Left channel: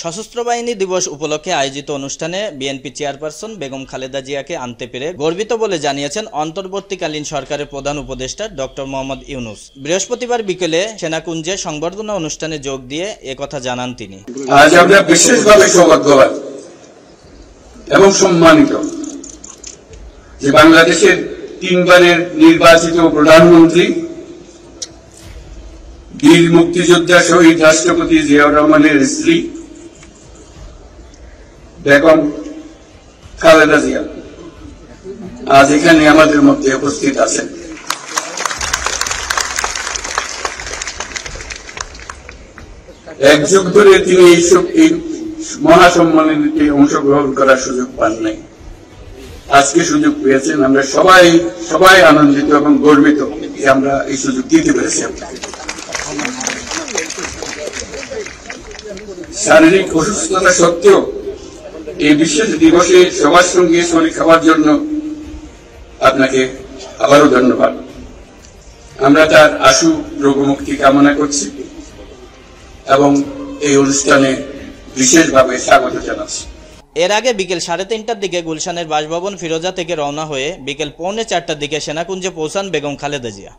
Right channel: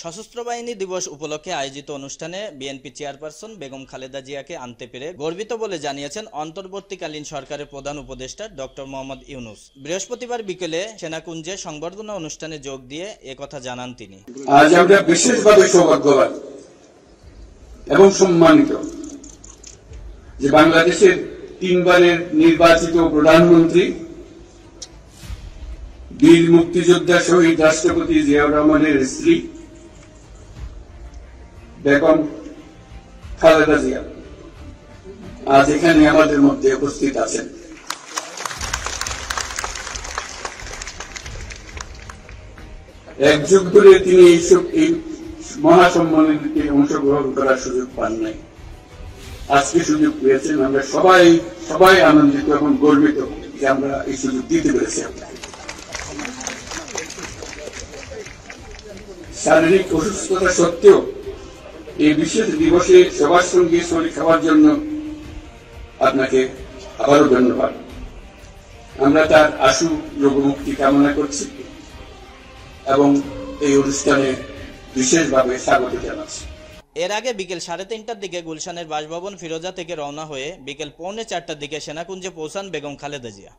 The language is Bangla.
সশস্ত্র বাহিনী দিবস উপলক্ষে আয়োজিত অনুষ্ঠানে বিএনপি চেয়ারপারসন বেগম খালেদা জিয়াকে আনতে পেরে গর্বিত বলে জানিয়েছেন অন্তর্বর্তীকালীন সরকারের প্রধান উপদেষ্টা ডক্টর মোহাম্মদ ইউনূস। বৃহস্পতিবার বিকেলে সেনাকুঞ্জে সংবর্ধনা অনুষ্ঠানে যোগ দিয়ে একথা জানান তিনি। আজ আমরা বিশেষভাবে সৌভাগ্যবান এবং সম্মানিত যে বাংলাদেশের 3 বারের নির্বাচিত প্রধানমন্ত্রী বীর মুক্তিযোদ্ধা শহীদ রাষ্ট্রপতি জিয়াউর রহমানের স্ত্রী বেগম খালেদা জিয়া আজ এখানে আমাদের মধ্যে উপস্থিত আছেন। এক যুগ ধরে তিনি এই মহাসম্মেলনে অংশগ্রহণ করার সুযোগ পান নাই, আজকে সুযোগ পেয়েছেন। আমরা সবাই আনন্দিত এবং গর্বিত যে আমরা এই সুযোগ দিতে পেরেছি। শারীরিক অসুস্থতা সত্ত্বেও এই বিশেষ দিবসে সবার সঙ্গে শরীর খাওয়ার জন্য আপনাকে আবারও ধন্যবাদ। আমরা তার আশু রোগমুক্তি কামনা করছি এবং এই অনুষ্ঠানে বিশেষভাবে স্বাগত জানাচ্ছি। এর আগে বিকেল 3:30টার দিকে গুলশানের বাসভবন ফিরোজা থেকে রওনা হয়ে বিকেল 3:45টার দিকে সেনাকুঞ্জে পৌঁছান বেগম খালেদা জিয়া।